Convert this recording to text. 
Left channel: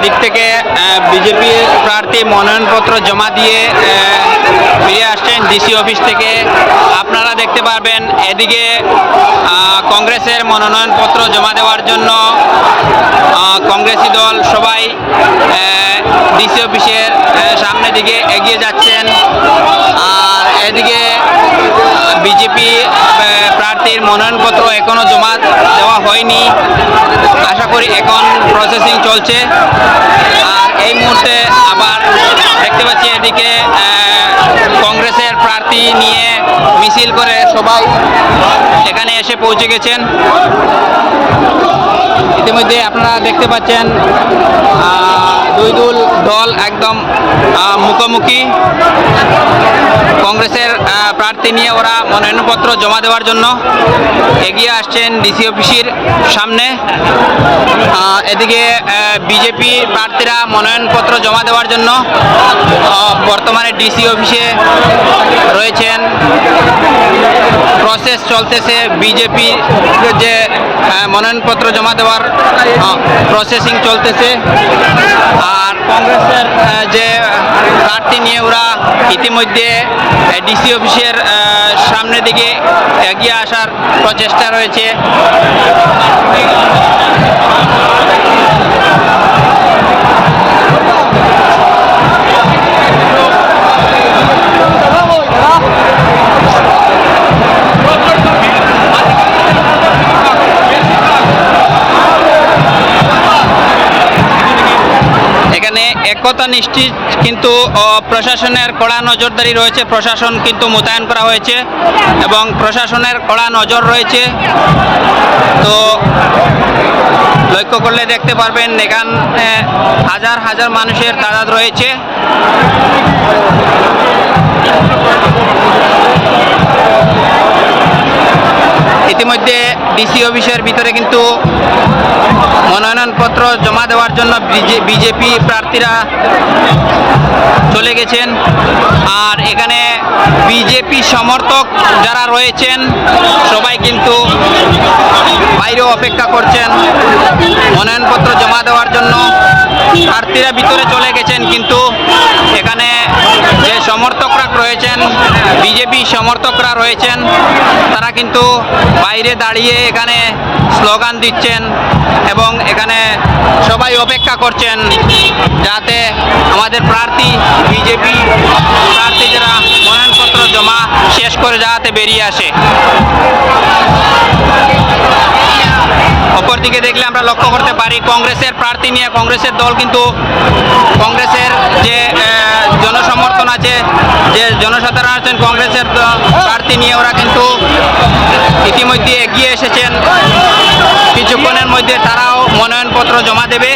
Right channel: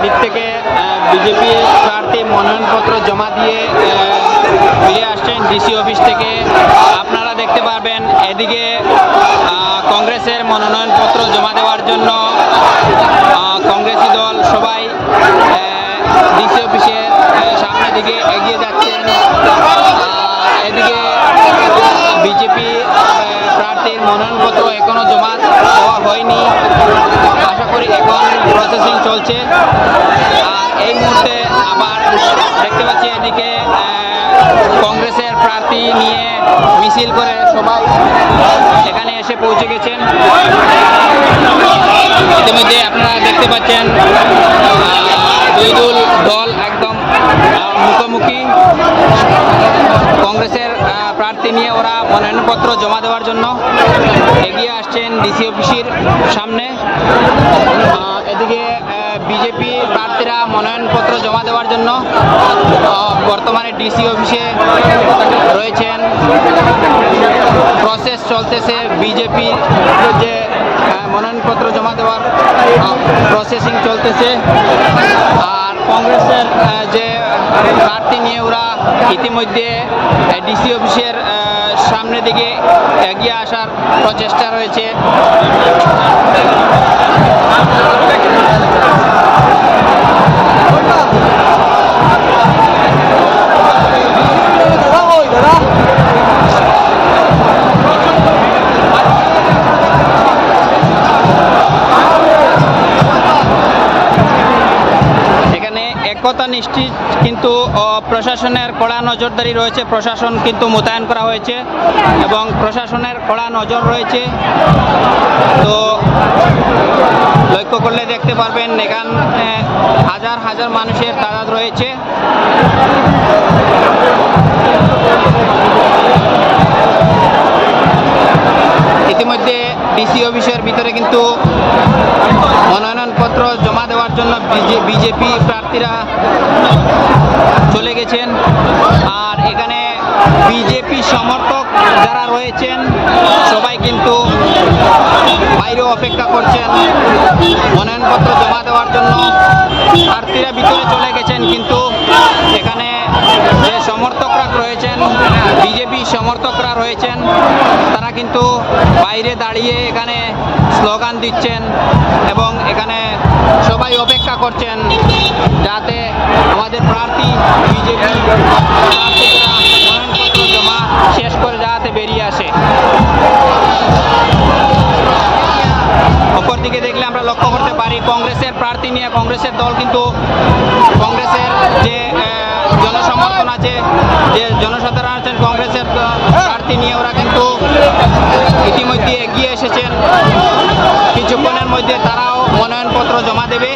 এদিক থেকে বিজেপি প্রার্থী মনোনয়নপত্র জমা দিয়ে ফিরে আসছেন ডিসি অফিস থেকে। আপনারা দেখতে পারবেন এদিকে কংগ্রেসের মনোনয়নপত্র জমা দেওয়ার জন্য কংগ্রেসি দল সবাই ডিসি অফিসের সামনের দিকে এগিয়ে যাচ্ছেন। আর এদিকে বিজেপি প্রার্থীর মনোনয়নপত্র এখনো জমা দেওয়া হয়নি, আশা করি এখন প্রসেসিং চলছে। আর এই মুহূর্তে আবার দেখতে পাচ্ছি এদিকে কংগ্রেসের প্রার্থী নিয়ে মিছিল করে সবাই এখানে এসে পৌঁছে গেছেন। ইতিমধ্যে আপনারা দেখতে পাচ্ছেন দুই দল একদম মুখোমুখি। কংগ্রেসের প্রার্থী নিয়ে ওরা মনোনয়নপত্র জমা দেওয়ার জন্য এগিয়ে আসছেন ডিসি অফিসের সামনে। এদিকে বিজেপি প্রার্থীরা মনোনয়নপত্র জমা দেওয়ার জন্য বর্তমানে ডিসি অফিসে রয়েছেন। প্রসেস চলতেছে, বিজেপি যে মনোনয়নপত্র জমা দেওয়ার প্রসেসিং চলতেছে। আর কংগ্রেসের যে প্রার্থী নিয়ে ওরা ইতিমধ্যে ডিসি অফিসের সামনের দিকে এগিয়ে আসার প্রচেষ্টা রয়েছে। একতা নিশ্চিত, কিন্তু প্রশাসনের কড়া নজরদারি রয়েছে। প্রশাসন কিন্তু মোতায়েন করা হয়েছে এবং প্রশাসনের কড়া নজর রয়েছে। তো লক্ষ্য করলে দেখতে পারবেন এখানে হাজার হাজার মানুষের তাদাদ রয়েছে। ইতিমধ্যে ডিসি অফিসের ভিতরে কিন্তু মনোনয়নপত্র জমা দেওয়ার জন্য বিজেপি প্রার্থীরা চলে গেছেন। আর এখানে বিজেপি সমর্থক যারা রয়েছেন সবাই কিন্তু বাইরে অপেক্ষা করছেন মনোনয়নপত্র জমা দেওয়ার জন্য। প্রার্থীরা ভিতরে চলে গেছেন, কিন্তু এখানে যে সমর্থকরা রয়েছেন, বিজেপি সমর্থকরা রয়েছেন, তারা কিন্তু বাইরে দাঁড়িয়ে এখানে স্লোগান দিচ্ছেন এবং এখানে সবাই অপেক্ষা করছেন যাতে আমাদের প্রার্থী বিজেপি প্রার্থী যারা মনোনয়নপত্র জমা শেষ করে যাতে বেরিয়ে আসে। অপরদিকে দেখলে আমরা লক্ষ্য করতে পারি কংগ্রেসের প্রার্থী নিয়ে কংগ্রেসের দল কিন্তু কংগ্রেসের যে জনসমর্থন আছে, যে জনসাধারণ আছেন কংগ্রেসের প্রার্থী নিয়ে ওরা কিন্তু ইতিমধ্যে এগিয়ে এসেছেন। কিছুক্ষণের মধ্যে তারাও মনোনয়নপত্র জমা দেবে।